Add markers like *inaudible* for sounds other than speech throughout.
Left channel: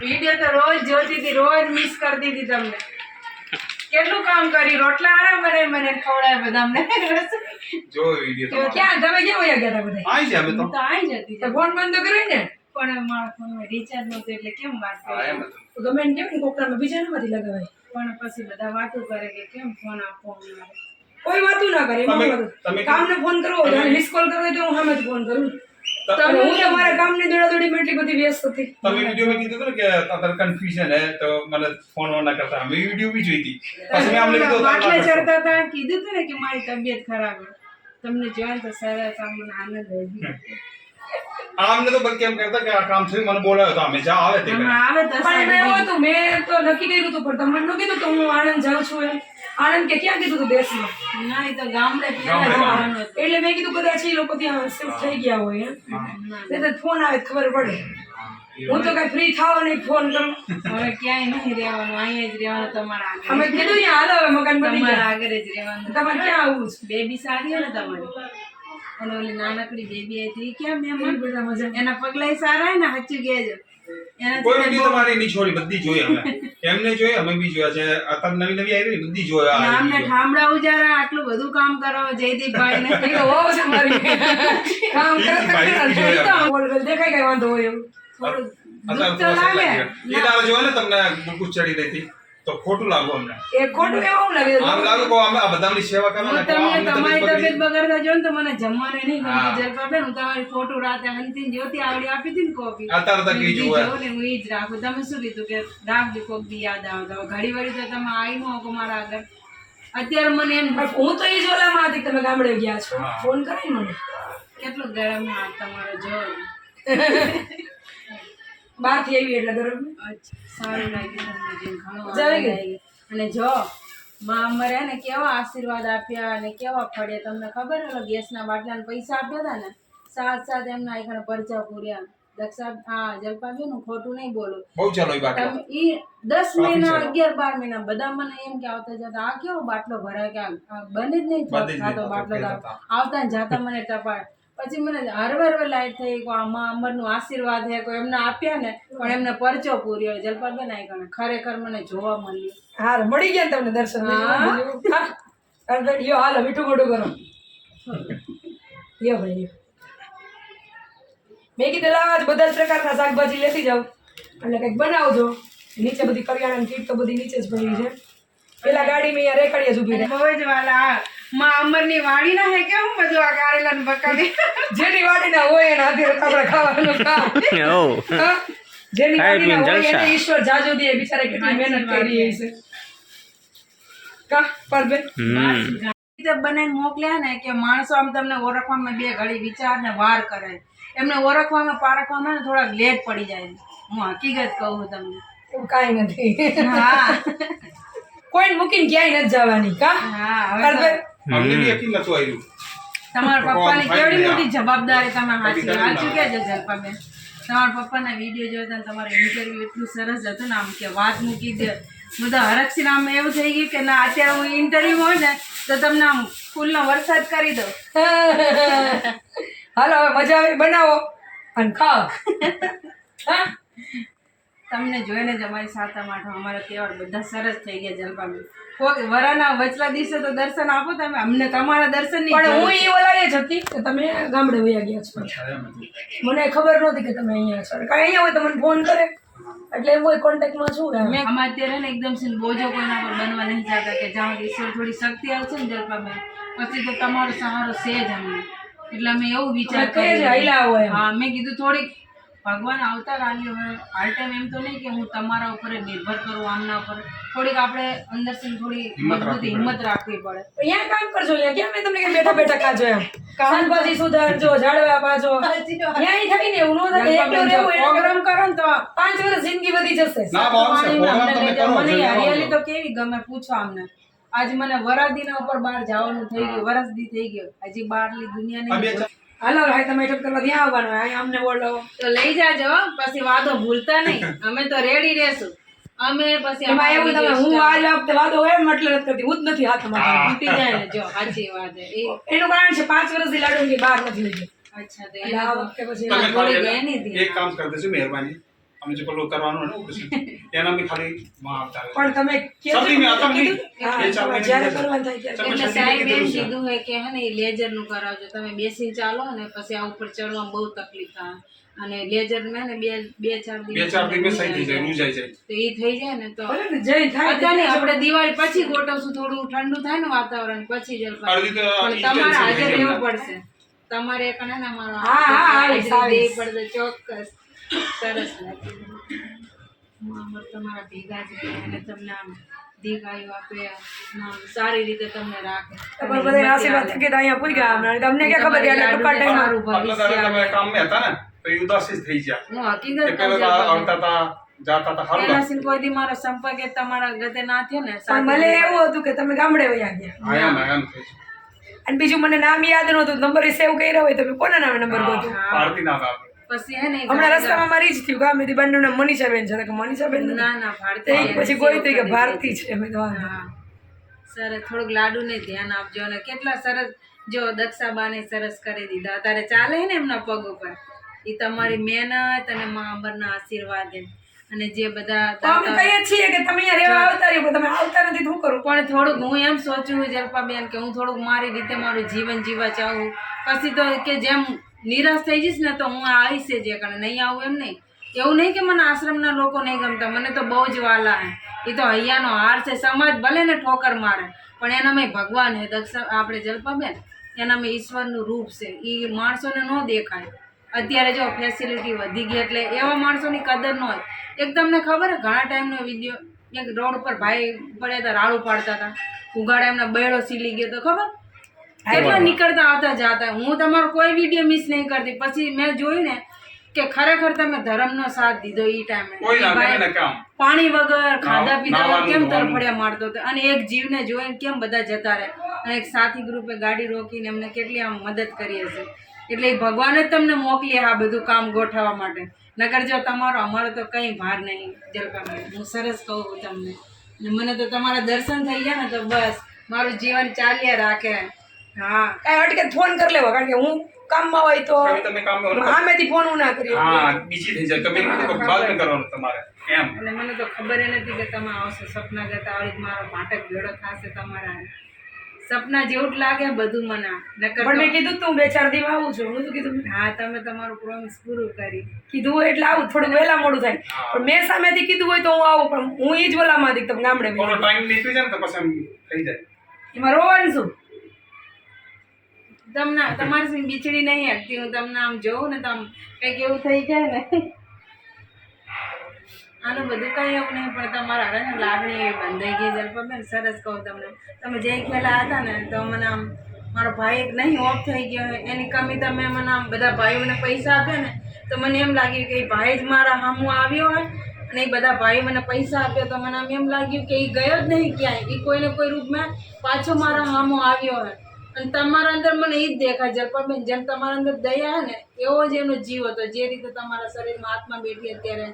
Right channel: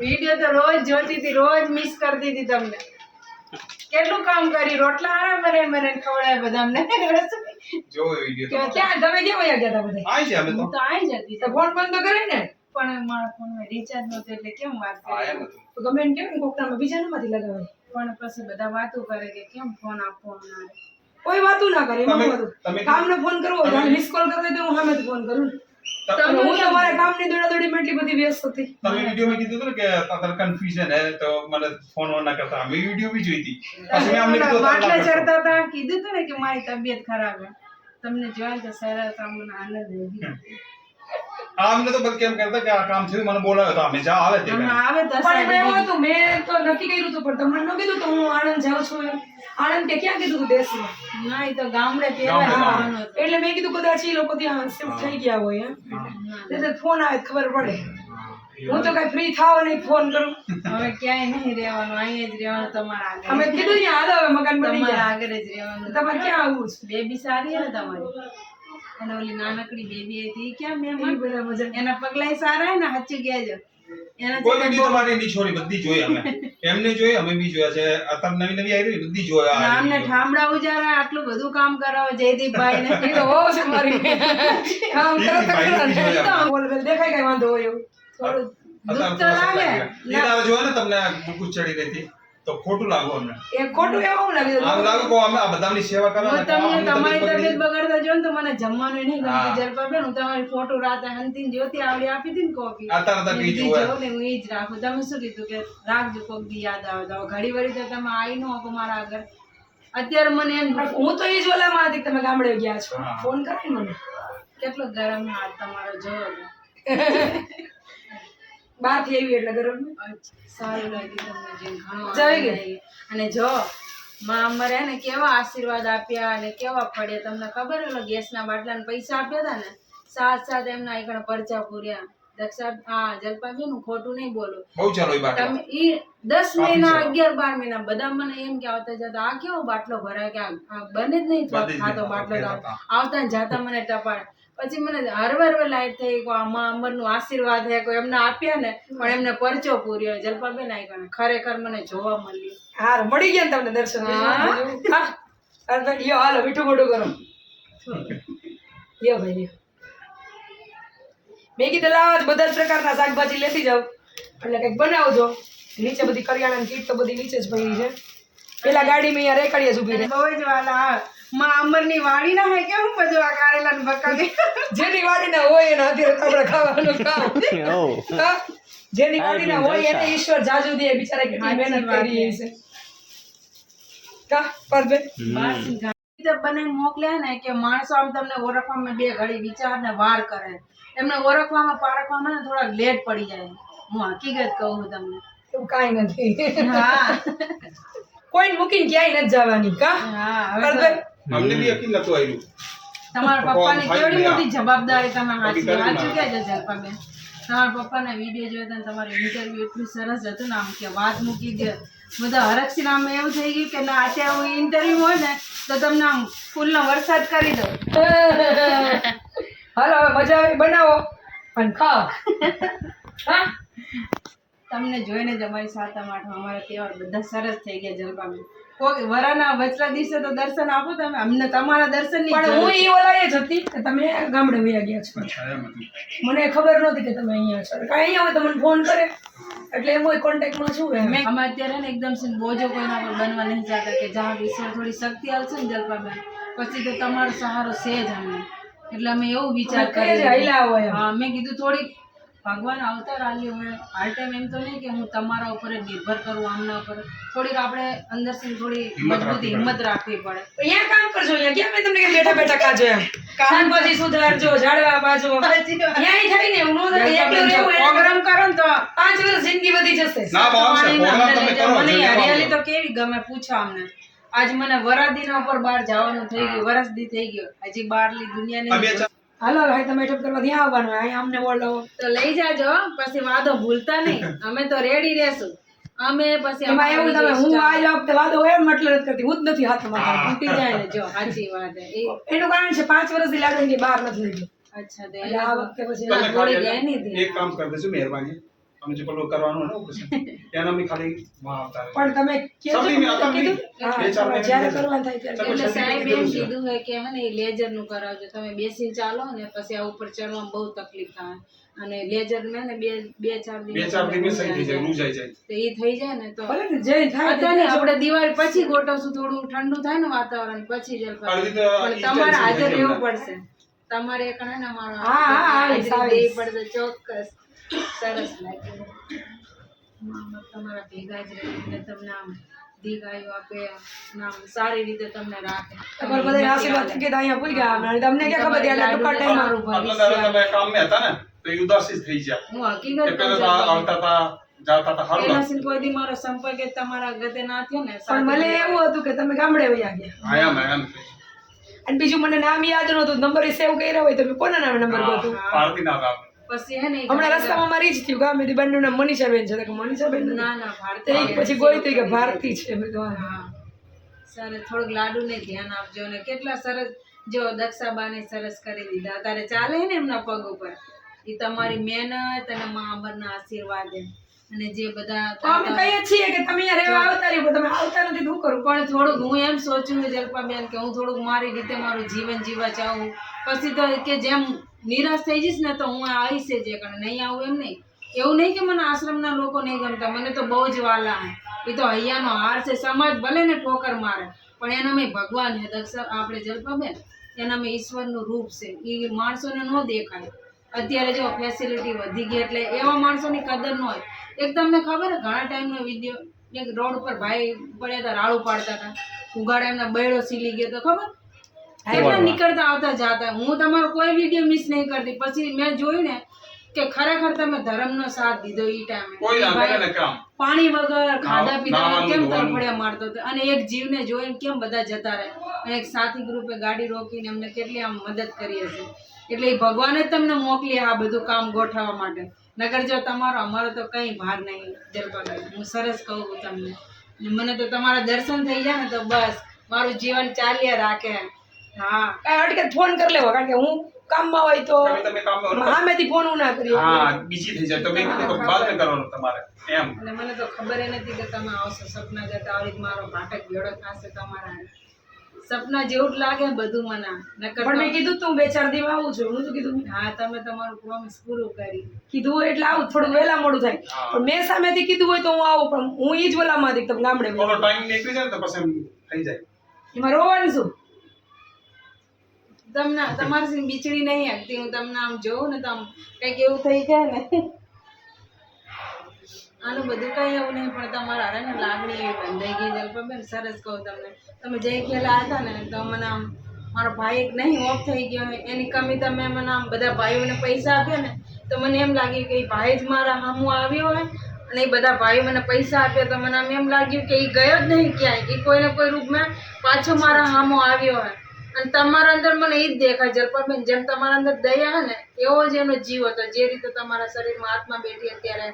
Video તો રોજ જોતી હતી રોજ મિસ કરતી હતી તમને. કેટલું કામ કરી રોટલા આરામ બને મને ખવડાય બધા અમને. જો વીડિયો તો ક્યાં? તમે કેમ વયા ગયા હતા બધા? આઈ અમે તો. આવી જતી તો ફોન બંધ કરી ને? પણ મારા ફોનમાં રિચાર્જ નહોતું એટલે કેમ વાત એમ કરી તો ગમે ને કેમ ને કોકરામાં બીજા નમાંથી લગાવાય. પણ પછી બધા વાતો કરે કે કેમ ફોન આપવો અમારે? કોઈ વાતું ના કરે એમાં કામને ફોન કરવો મિસ કોલ કરવો તો હું જ ફોન કરું. તમે હું તો કામની દોડાદોડીમાં એટલી બધી વ્યસ્ત હતી. તમે વીડિયો માં કીધું કે તાર કન્ફ્યુઝન હે તો મને ફોન ના કરતા. અમે વીડિયો બી જોઈ હતી. પછી મેં અમને કીધું બાટલા ના કરશો. ચડતા હતા કીધું હતું ને કે મારી તબિયત ખરાબ હે. તમને જોયા તો સરસ આમ મને આનંદ આવી ગયો તો કેમ કરતા કે આ કામ થયું મને બોલાવ્યો તો અમે જા આવે તે આવે દસ પણ એમાં એવું મેં તો નક્કી કર્યું હતું પણ તમને ન કીધું તો હું આણંદ જાઉં છું એમ. આણંદ કે ક્યાં કીધું હતું દેશમાં? ના એ તો ગામડે પહેલા એટલે મેં કીધું કદાચ એ લોકો ત્યાં શિફ્ટ થઈ ગયા હોય એમ. તો ફોન આવે ખબર પડે. હું તો કઈ ફ્રી થાવ નહીં ફોન કરું. હવે ક્યાંય નહીં રહેવાનું અહીંયા જ રહેવાનું તમારા આગળ અમે કીધું ને હાલો હવે મકાન બની તમારા ગયા. આગળ જ રહેવાનું. તમારે ક્યાં આવવું છે? બેબી સારી હે ને તમારી? અને ઓલી નાનકડી બેબી હતી ક્યાં મેં બધા મજા એના પગલાય સારા હે ને સાચું કહેજો. કોઈ વીડિયો તમારી નહીં છોડી બધી જોઈ અમે. એમને જોઈ અમે બી જોયા છે અત્યારે નવી નવી આવી રહી બધી જોયા આ ઠામડા ઉજારા આટલું બધું કામ કરાવો જયદીપભાઈ ને એ *laughs* કામ બોલ બોલ દેખાય કઈ વાંધો હોય એવું થોડું દુઃખ તો લાગે. એ દાવ જોયો ને તમને ચડી રહી હતી. તો ખોટું લાગુ અમને. એ ખોટું એવું લાગે આમ લાગે કો અમે આ બધાની સેવા કરો હું ને તમને તમારી તબિયત તબિયત બગડી. બગાડતા જો ને તો મને જમવાનું નહીં ગમે. ગમતું જલપાબેન હું તમારી ફોટો રાતે અંતિમ જ્યોતિ આવડી આપી હતી ને કોપી અત્યારે તો મેં કઈ ને હું ઈ જ રાખું. તમે શું કીધું કે રાખજો કોક દી યાદ આવે તો. ઘડી વળી તો તમે આવી ન શકો મારા આગળ. અત્યારે મને એમ હું તો એ જ ઓલામાં હતી તમે ગામડે ગયા છો. ફોન કરાય મને. કેટલો ગરમ હાથ તમારો જો. *laughs* બહારથી આવી એટલે ગરમ સારું લાગ્યું તમને જેમ ઘણું આવી. અને જો માં અમારે ને કેવા આશીર્વાદ આપ્યા અને કેવા ફળ્યા તમને ખબર ઓલો ગેસના બાટલાને પૈસા આપ્યા હતા ને? સાથ સાથ એમના એકણ પરચા પૂર્યા દક્ષા હા જલપાબેન હું ખોટું નહીં બોલું. બહુ ચાલો એ બાટલો. તમે ઈ દસ મહિના અગિયાર બાર મહિના બધા મને એમ કે આવતા જતા આ કેવો બાટલો ભરાય? કે આ બને જ નહીં થતો બાટલો આવતા ને જાતા મને ટપાડ. પછી મને હરવે હરવે લાઈટ થઈ આમાં અમરનું આશીર્વાદ હે કોઈ એમને આપ્યા ને પણ એમને પરચો પૂર્યો જલપાબેન આઈ ગણે ખરેખર મને જોવા મળ્યું. હાર મળી ગયા તમને દર્શન યો હાલો મીઠું મોઢું કરો યો ભાઈ મેં કીધું લાવ બધા જ પ્રકારના શાકભાજી લેતી જાઓ. એટલે કંઈક બનાવજો. નીચે બધી કરિયાણાની કીટ તો બધી નીચે જ પડી છે. પેલા ગાડી મેં રેકડીએ ઊભી રહે. બહુ જ વાલા માં અમરની વાડી ના હે કેવું બધું આ કારેલા ને બકાલી જેની વાડીના હોય એના હાથે આપણે ખાવાનું કામ. જેની વાડી ના હોય એને ઈશ્વર જાજુ દે બિચારે કેટલી મહેનત કરી છે. કા પરબે બનાવીને મોકલ્યા ને કે માણસો આમ તમને ઓળખવામાં બે ઘડી વિચાર ને વાર કરે એમને ઓળખવામાં પારખવામાં ને થોડાક લેટ પડી જાય હું હકીકત કહું તમને. એવું કાંઈ નથી. હા. કોઈને મૂકીને ક્યાંય નથી જવાની કા? હા હવે અમને બી યકીન નતું આવ્યું તમારા પપ્પાની કેવડી મોટી જવાબદારી તમે હાચી હાચી કે ના. કહેજો તમારા પપ્પાના વીડિયો જોયો તો તમારો ઇન્ટરવ્યુ એટલું સરસ હતું ને આમ કે વાત મૂકી દે. બધા હરકસીને નામ એવું થઈ ગયું કે ના અત્યારે હું ઇન્ટરવ્યુ હોય ને તો તમને આમ ફૂલનો વરસાદ કરી દઉં. *laughs* હાલો હવે મજા આવે બનાવો. અને ખાઓ *laughs* હા? તમને જોઈને જ અમારી સાતમ આઠમ અમારા તહેવાર બધા સરસ થઈ ગયા જલપાબેન કોઈ વરાના વચલા દિવસે તો દર્શન આપો તમે અમને તમારા દર્શન પણ હું એ ઓલાએ જ હતી કે તમે ગામડે વયા ગયા છો. મને ખબર નહોતી કે તમે અહીંયા છો. કાંઈ અહીંયા હોય તો મને ફોન કરે. એટલે એમ હોય કોન્ટેક્ટમાં છું એમ? મેં અમે અત્યારે ને એકદમ છે બોજો કોઈના પર બનવા નહીં જતા કે જ્યાં દિવસે ઈશ્વર થોડી શક્તિ આવશે ને જલપાબેન પછી તો તમારો સહારો છે જ અમને. એટલે અમે એવું વિચાર કરીએ હૈલા હોય એમ. હા મેં કીધું થોડીક ભગવાન આવતા રાલ્યો હવે હાલ ટાઈમ એમ તો નહીં કે હું તમારા ઉપર જ નિર્ભર કરું આમના ઉપર. થોડીક આપણે અંદરથી થોડી મજબૂતી હિંમત રાખવી પડે. અહીંયા કામ કરજો અહીંયા ક્યાં મેં તમને બેઠા બેઠા કાજો એમ. શાકભાજી સુધારજો ઝાડવા પાજો અહીંયા થાય ને એવું ન થાય એકલું રહેવું એટલે પ્રોગ્રામ કરો ને તો પાંચ વર્ષ જિંદગી વધી જશે. મને હરિયાળી તો કેવી ગમે પૂછો અમને. આજ મને વરાદીના ઉપર બહાર જવાનું થઈ ગયું વરસદી થઈ ગયો. હજી બહારની દુનિયા આ બે નહીં ચાર- હાલો હવે તમે મેટઅપ કરવા ક્યાં આવવાનું? હોય અમને બોલાવો તો લઈ જાજો પછી વાદો ભૂલતા નહીં. અમે તો રેડી રહેશું. અમે પછી એમાં એવું તમે હું આ વખતે વાદો હોય એમ એટલે નથી કરતી. હું જ નથી હાથમાં તૂટી જાય ને. જો સાચી વાત છે. એનું કારણ છે પાંચ વર્ષથી લાડુ બહાર નથી લીધી અચ્છા તો આ વખતે પછી એની એક કામ કરી દેજો મહેરબાની. અને જે પેલું કરવાનું હોય ને ઓપરેશન એના બી ખાલી માં આવતા રહે પણ તમે કહેજો સમજી ગયા, મેં કીધું હા, જ્યારે. કરવાનું થાય ત્યારે. એટલે સાહેબ એમ કીધું. હોય કે હે ને લેઝરનું કરાવજો. તમે બેસીને ચાલો ને પછી આ ઉપર ચડવામાં બહુ તકલીફ થાય. અને લેઝર મેં ને બે બે ચાર બે ચાર દિવસ થઈ જાય મૂંઝાઈ જાય તો એ થઈ જાય ને તો ભલે જય થાય અત્યારે આપણે દિવાળી પછી ગોઠવશું થોડું ઠંડુ થાય ને વાતાવરણ પછી જલપા પણ તમારે હાજર રહેવું પડશે. તમારે એક ને મારો હા, હા, હા. પડશે ચોક્કસ. સરસ લાગે મામા તમારા ભેગા જ રહે અને તમને આમ દીગાયું આપે અને સારી રીતે તમને રાખે. તમારે બધા આશીર્વાદ થકી અહીંયા પૂરી ગયા હમણાં. તમને ક્યાં ખબર હતી ટૂંકા ટાઈમમાં તમારું ભવિષ્ય. તમે કામે હતા ને તો એ ઉદાસી થઈ ગયા. હું હકીકત પેલા આવતા હતા જાતા હતા હારું પેલા સિંહ કોઈ દી મારો સંપર્ક એ તમારા ગતે ના થયો ને પણ મને એવું હતું કે તમે ગામડે વયા ગયા. આયા અને બીજું મને નામ યાદ નહોતું. નંબર સેવ કર્યા હોય તમે કોના નામે નંબર ગોતો? પારતી ના આવે પછી હે ને હમણાં રસ્તામાં મારી જ થયું ગામેથી બંને નામ મનીષાબેન છે. કે મનીષાબેન ના ના ભારતી પછી ગોઈ હતી કે ભારતી છે મેં તો હા. હા. સરસ થોડુંક લાડુ ને ધ્યાન આપજો અને કેટલા સરસ જો દક્ષાબાને સરસ કરી દીધા. અત્યારે ચાલે ને એમના પગ ઉપર? એ તમારી મહેનત અને મા અમરના આશીર્વાદ અને જે બધા અમે કહીએ છીએ કે તમે અહીંયા રહેવા આવતા રહ્યો તમે આવતા નથી શું કરું? પણ થોડુંક હું એમ સોચું જલ્પાબેન કે હું થોડુંક મારી રીતે મારું જીવન જીવવા ચાહું. પછી તો કે જેમ નિરાશ થઈ જઈશ ને તો હું આવીશ જ અને નહીં આવું એમ નહીં. એવું નહીં કે મને આશ્રમના લોકો નહીં ગમતા, મને તો બહુ જ વાલા એ તો હૈયાનો હાર છે, સમાજ ભલે ને ઠોકર મારે, પણ એના મેં ભગવાન હે, દક્ષ આપણે જલ્પાબેન, એના મેં ઈશ્વરનું રૂપ છે. એ માણસોને ન દેખાય. અત્યારે જો ફેસિલિટી વધી ગઈ એટલે એવા માણસોની કદર ન હોય. એક તમને ખબર ઘણા ટાઈમનો વીડિયો એક રોડ ઉપર ભાઈ પડ્યા હતા, રાડું પાડતા હતા. ઉગાડા એમના બેડો સીલી ગયો તો ખબર? કેટલા નીકળતા આવતા જાતા? હું તમારો કોઈ વીડિયો મિસ નહીં કરતી. પછી મેં જોયું ને કે ખરેખર તમે ધર્મનો સાથ દીધો એ ટાઈમે. પાણી વગર ખાધા પીધા વગર કેમ. તરફડિયા મારતો હતો? અને એક જીવને જોઈને કેમ બધા જતા રહે? અને એક સાથી ગ્રુપે ગાડી રોકીને અમને કેટલી આમ મદદ કરી હશે. એટલે ભગવાને જ તમને મોકલી આ બધું કામ ગોઠવવા માટે. નગર જો તમારો અમારો તો કંઈ ભાર નહીં જલપાભાઈ. હું સરસ કહું તમને. મને તો તમારા દર્શન થઈ ગયા ને તો બસ. મારું જીવન ચાલ્યા રાખે. હા. કાંઈ અટકે ફોન કરી લેવો કારણ કે હું કામમાં હોય તો હવે તમે કામ કરો. સામેથી ફોન હું ના કરી હા બીજી થઈ જાય. તમે કીધું તો બાદ કરવાનો તમારે. એમ. અને મને તો ખબર નથી કે તમે આવશો સપના જતા આવી મારો ભાટક ભેળો થશે તમારા. સપના જેવું જ લાગે બધું મને. નકર પણ મેં કીધું તું બે ચાર દિવસ આવું છું. હું તો કીધું? હા તમે તમારું પ્રોમિસ પૂરું કરી. કીધું હોય એટલે આવું થોડું વહેલા મોડું થાય. પણ મેં સામેથી કીધું હોય તો હું આવું પણ હું એ જ વહેલામાં દીધું તમે ગામડે ટાઈમ નીકળી જાય ને તો પછી થઈ જાય. એમાં રોવાનું શું? તમને તમારી બિચડી નહીં હકતી હું તમને આમ જોઉં ને તો આમ કંઈક એવું થઈ જાય ને. આનું બધું કંઈ એવું નહીં પણ તમારા હારે ને લાગણી એવી બંધાઈ ગઈ જલ્પાબેન સરસ કહું તમને. તમે જે ખેલા હતા ને તો મને આમ મારો ભાઈ એક નહીં ઓફ થઈ ગયો હોય એની કમી તમે મને આમ બધા ભાઈઓને પૈસા આપ્યા ને તો મને એમ લાગ્યું કે એ ભાઈ જ મારા હામો આવ્યો હોય અને એ બધા ભાઈ મને પૈસા આપ્યા તો મને આમ એમ લાગ્યું કે એ ગયો જ નહીં ક્યાંય. એ કોઈને કોઈ રૂપમાં પાછો મારા હામો આવ્યો હોય. અને તમારા અંદર મને એ જ દેખાય જલપાબેન જેમ તમારા અંદર દયા ને, એવો જ એનો જીવ હતો. જે રીતે તમારા શરીરમાં આત્મા બેઠી અત્યારે,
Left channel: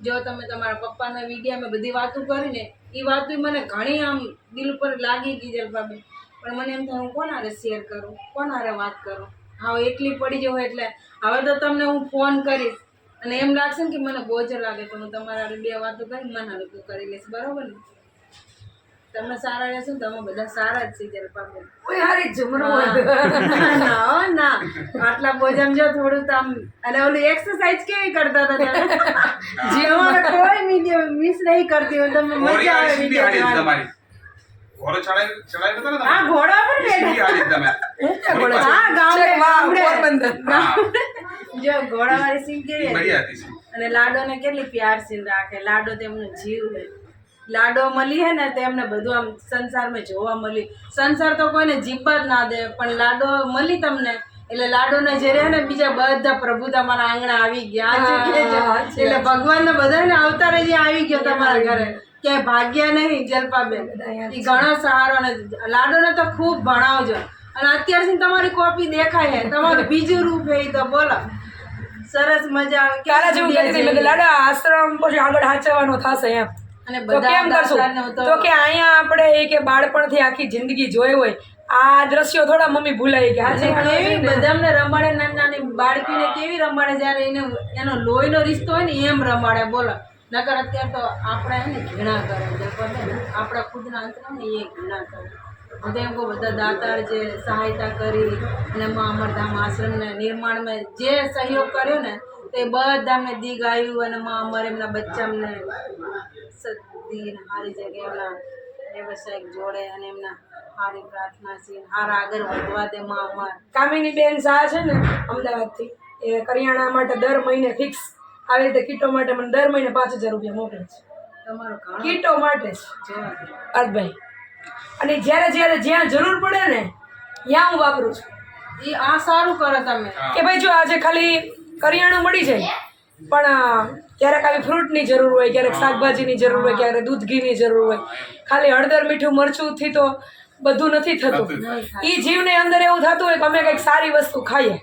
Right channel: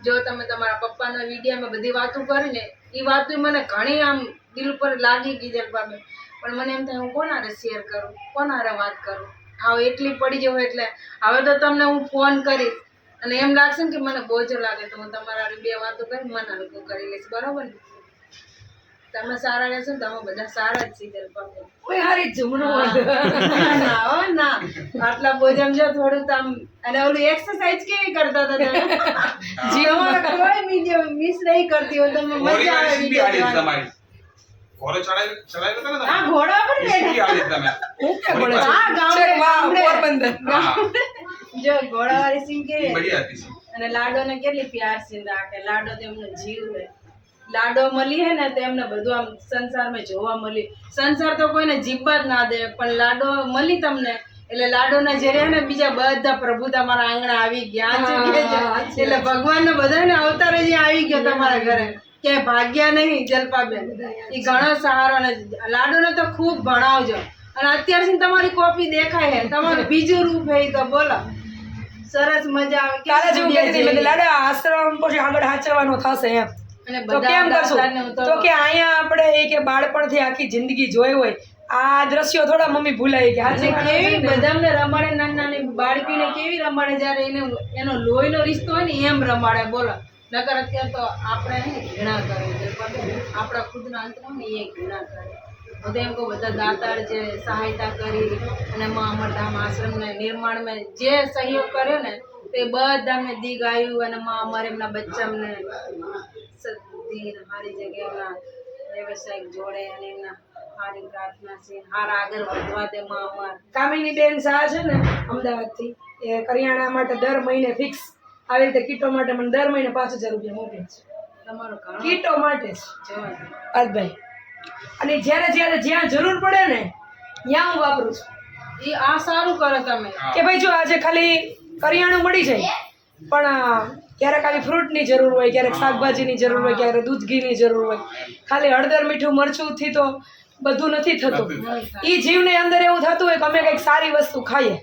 જો તમે તમારા પપ્પાના વિડીયામાં બધી વાતો કરીને એ વાતો મને ઘણી આમ દિલ પર લાગી ગઈ જલપાબેન પણ મને એમ થાય, હું કોનારે શેર કરું? કોનારે વાત કરું? હા એકલી પડી જવું એટલે. હવે તો તમને હું ફોન કરીશ. અને એમ લાગશે ને કે મને બોજો લાગે તો હું તમારા બે વાતો કરી, મને હલકું કરી લઈશ. બરાબર ને? તમે સારા રહેશો ને તમે બધા સારા જ છે કોઈ હારી જમણું હોય. ના ના હો ના. આટલા બોજમ જો થોડું તમ આમ અને ઓલું એક્સરસાઇઝ કેવી કરતા હતા તમે? તમારે કોઈ વીડિયો મિસ નહીં કરતી હોય તમે મજા આવે વીડિયો જોવાની. તમારી. ઘોડો ચડાવી ચડાવી હતા ને હા ઘોડા પર બેઠા. હું? હા ગામડે ગામડે. જો ઘોડાવાળી સીન કેવી હતી? અને લાડોને કેટલી પ્યાર સીન રાખે. લાડો તેમનો જીવ છે. લાડો મળી હે ને તો એમને બધું આમ સંસારમાં જોવા મળી. સંસાર તો કોઈને જીવવા જ ના દે પણ લાડો મળી તમને. એટલે લાડોના જે રહ્યા ને બીજા બધા પ્રભુ તમારા આંગણા આવી ગયા. હા, એટલે ભગવાન ને બધાને અવતારે જે આવી ગયો તમારા ઘરે કે ભાગ્યા નહીં જલપાબેન. બધા એ ઘણો સહારો અને લાડોને તો ખૂબ ભણાવજો. અને અત્યાર સુધી તમારી કોપી દેખાય છે તમારું બીજું રૂપ હે તો બોલો. સરસ મજા આવે. ક્યારે જેવી. લાડા આશ્રમ પછી આગળ હાચવાનો થશે એમ. અને તો બધા કેમ કરશું? તો તો કે અહીંયા આપણે એ કે બાળપણથી આખી જિંદગી જોઈ હોય આ દ્રશ્યો થોડા મમ્મી ભૂલાઈ ગયા. છે એવી બધાને રમાડે નાની નાની બાળકીને કેવી રમાડે જ્યારે એને એનો લોહીનો રિશ્તો હોય ને એમ રમાડે બોલો. નકર અત્યારે તો આપણે એને ઘૃણા કરે આપણા ખુદના અંતરા ને એ ઘૃણા કરે. બધા એમ કહું બધા દાતાર જે સહાયતા કરી અને મા અમરધામ આશ્રમને નિર્માણમાં જે સહયોગ કર્યો ને તે બધા મેં આવ્યું અને મા અમર એમના બચ્ચામને સદી સારી જગ્યાએ એમના વ્યવસાયિક જોડે અને એમના સારી પ્રાર્થના છે સારા આગળ વધવા દે મા અમર. કામિની બેન શાહ છે ને અમદાવાદથી એ કરિયાણા માટે દર મહિને ફિક્સ આવી રીતે કીટો માટે મને દર મહિને પાંચ હજાર રૂપિયા મોકલે છે. તમારો કીટો માટે જ. અર્થભાઈ અને જ્યારે જ્યારે જ્યાં જરૂર પડે ને ત્યાં હું વાપરું છું. એ આ સારું કરો તમે. કે ભાઈ જો આજે ખાલી કરિયાણું મળી જાય પણ ક્યારેક આવી ફ્રૂટની જરૂર હોય ક્યારેક શાકભાજીની જરૂર હોય ક્યારેક દૂધ ઘીની જરૂર હોય. ખાલી હળદર મીઠું મરચુંથી તો બધું નથી થતું. નહીં. એ જીવને અંદર એવું થતું હોય કે અમે કંઈક સારી વસ્તુ ખાઈએ.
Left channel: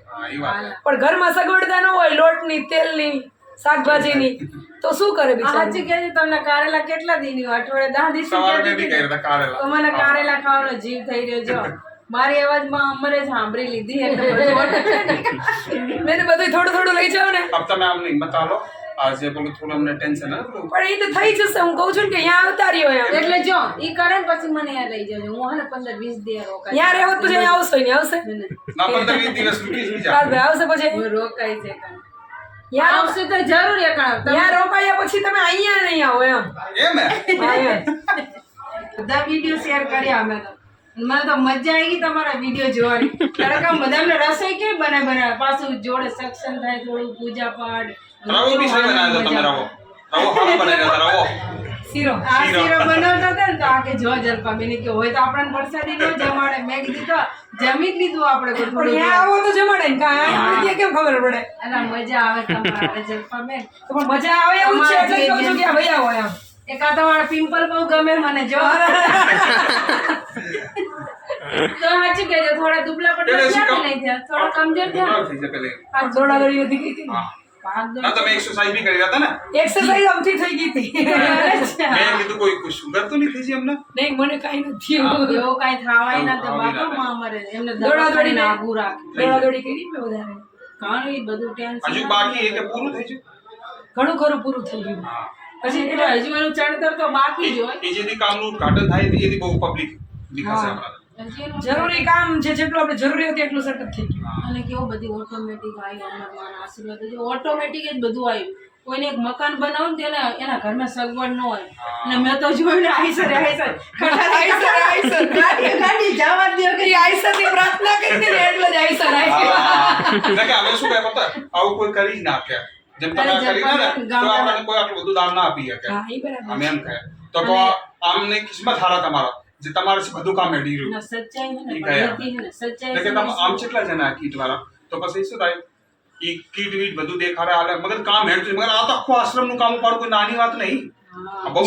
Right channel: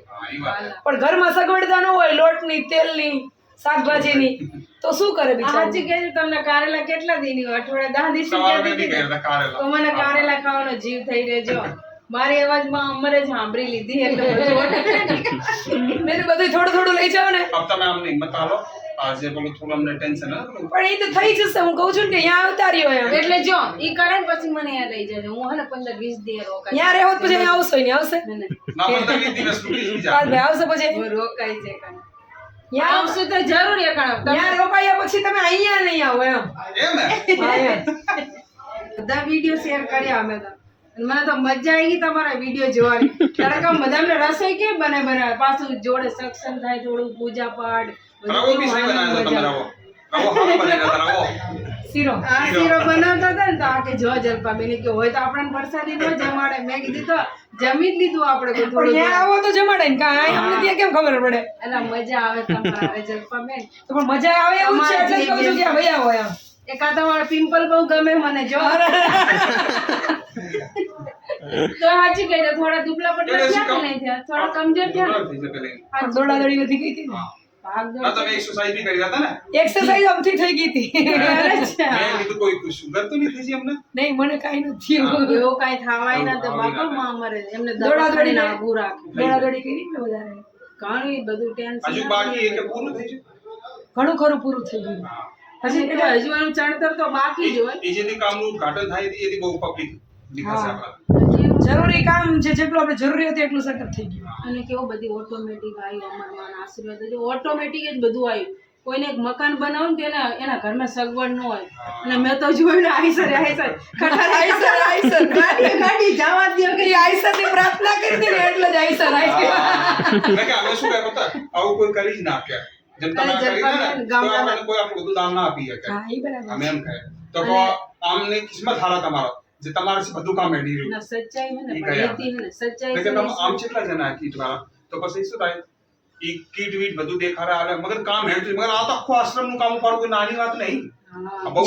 પણ ઘરમાં સગવડતા ન હોય લોટની તેલની શાકભાજીની તો શું કરે બિચારા? સાચી કહે તમને કારેલા કેટલા દીની અઠવાડિયે દસ દિવસ તો મને કારેલા ખાવાનો જીવ થઈ ગયો. જો મારી અવાજમાં અમરે જ સાંભળી લીધી. *laughs* મેં બધું થોડું થોડું લઈ જાવ ને. તમે આમ હિંમત આલો આજે પેલું થોડું અમને ટેન્શન હતું પણ એ તો થઈ જશે હું કહું છું ને કે અહીંયા આવતા રહ્યો એમ. એટલે જો ઈ કરે ને પછી મને યાદ રહી જજો. હું હને ને પંદર વીસ દિવસ રોકાઈ ત્યાં રહેવો તો પછી અહીં આવશો ને આવશે? ને, પંદર વીસ દિવસ રૂકી જાય આવશે પછી. હું રોકાઈ છે કાં. ત્યાં આવશે તો જરૂર એ કાં. તમે રોકાયા પછી તમે અહીંયા નહીં આવો એમ. બધા વીડિયો શેર કર્યા અમે તો. મને તો મજા આવી ગઈ તમારા વીડિયો જોવાની. કારણ કે બધાને રસોઈ કેમ બને બનાવે પાછું જોડે સક્ષમ થાય થોડું પૂજા પાઠ *laughs* શીરો આ શીરો. બનાવતા હતા ને તો આ કે જો જલપાબેન કે હોય તો આપણને પ્રસાદી ન જમાડે. મેં કીધું તો જમી જ લીધું આપણે પણ આવો તો જમાડે ને કાંઈ કેમ ખબર પડે? અલા મજા આવે તમારે જલપાબેન. તો પણ મજા આવે એવું છે એટલે કહું છું કે આ આવો એમ એકા તમારા પિમ્પલ બહુ ગમે મને જો. *laughs* તો સાચું કહેજો થોડા દુબળા પતલા થયા નહીં થયા થોડા કમજોર થયા થઈ જાય પેલે પણ દોડાદોડી વધી ગઈ હતી હા. ભાગ દોડ ના તમે એક્સરસાઇઝ બી કરી રહ્યા હતા ને? એક્સરસાઇઝ આમથી થઈ ગઈ હતી. *laughs* મેં કીધું કોઈ સુગર તો નહીં થઈ છે એમને? નહીં મને કાંઈ નથી એવો. કાંઈ થાવાય ના તો બાપા માં અમારે એમને દોડાદોડી દોડાદોડી ને- આઘું રાખે. દોડાદોડી કરી મેં વધારે. ઘણું બધું ટેન્શન હજુ બાકી એ પૂરું થઈ છે ઘણું ખરું પૂરું થઈ ગયું. હજી એટલે હજુ એનું ચણતર તો બાકી જ હોય. એ જેથી કામનું ઉદ્ઘાટન થાય એથી બહુ પબ્લિક એનું- જરૂરી કામ જે જેટલું આપણે જરૂરી હતું એટલું સેટઅપ થઈ ગયું. અને કેવું બધી ઓટોમેટિક આવી અમરમાં આશીર્વાદ જે ઓટોમેટિક જ બધું આવ્યું કોઈને એક મકાન બનાવું ને તેના એના ઘરમાં સગવડ ન હોય. અને મેં તો જોયું ને આઈસર આઈસર. ખટારા આઈસર, આઈસર. ગાડી ગાડી જવા દો કે એ આઈસરની પ્રાર્થના કરી હતી એટલે જ આઈસર આઈસર એટલે કે અમે શું કહેતા હતા, આવું કોઈ કરી જ ના કે જેમ તમે કરી ને તો આપણે કોઈ આટલું બધું દાન ના આપી શકે. હા એ બરાબર અમે એમ કહે. તો કહો આમને કિસ્મત હારા તમારો. જે તમારે બધું કામ એડી રહ્યું. ના સચ્ચાઈ હે ને પણ હે ને સચ્ચાઈ એટલે તમે આમ કેટલા જણા આ કીટ વાળા? તો પછી શું થાય? ઈ કીટ વીટ બધું દેખાડે આલે મગર કામ હેડતું મગર આ તો આખું આશ્રમનું કામ ઉપાડ કોઈ નાની વાત નહીં.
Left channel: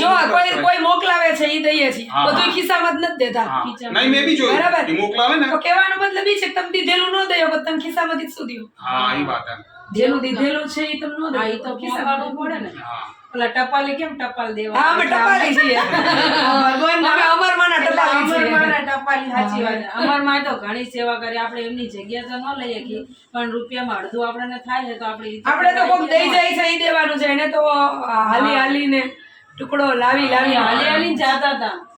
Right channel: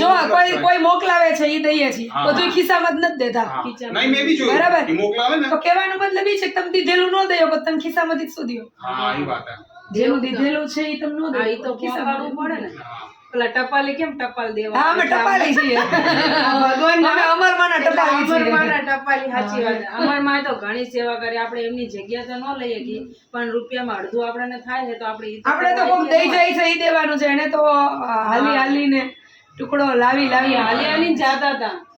જો કોઈ કોઈ મોકલાવે છે એ દઈએ છીએ. બધું ખિસ્સામાં જ નથી દેતા. નહીં મેં બી જોયું. બરાબર. ઈ મોકલાવે ને. તો કહેવાનો મતલબ એ છે કે તમે દીધેલું ન દયો પણ તમે ખિસ્સામાંથી જ શું દયો હા ઈ વાત હે. જેનું દીધેલું છે એ તમને ન દયો ઈ તો ખિસ્સામાં પડે ને. હા. પેલા ટપાલી કેમ ટપાલ દેવા? હા અમે ટપાલી છીએ. ભગવાન અમે અમરમાંના ટપાલી છીએ. અમરમાંના ટપાલી સાચી વાત. અમરમાં તો ઘણી સેવા કરી. આપણે એમની જગ્યા તો ન લઈએ કે પણ રૂપિયામાં અડધું આપણને થાય છે તો આપણે આપણે તો કોક દઈ જાય છે એ દેવાનું છે. એને તો હાલી હાલીને ટુકડો લાવી લાવી હાલી હાલી જાતા હતા.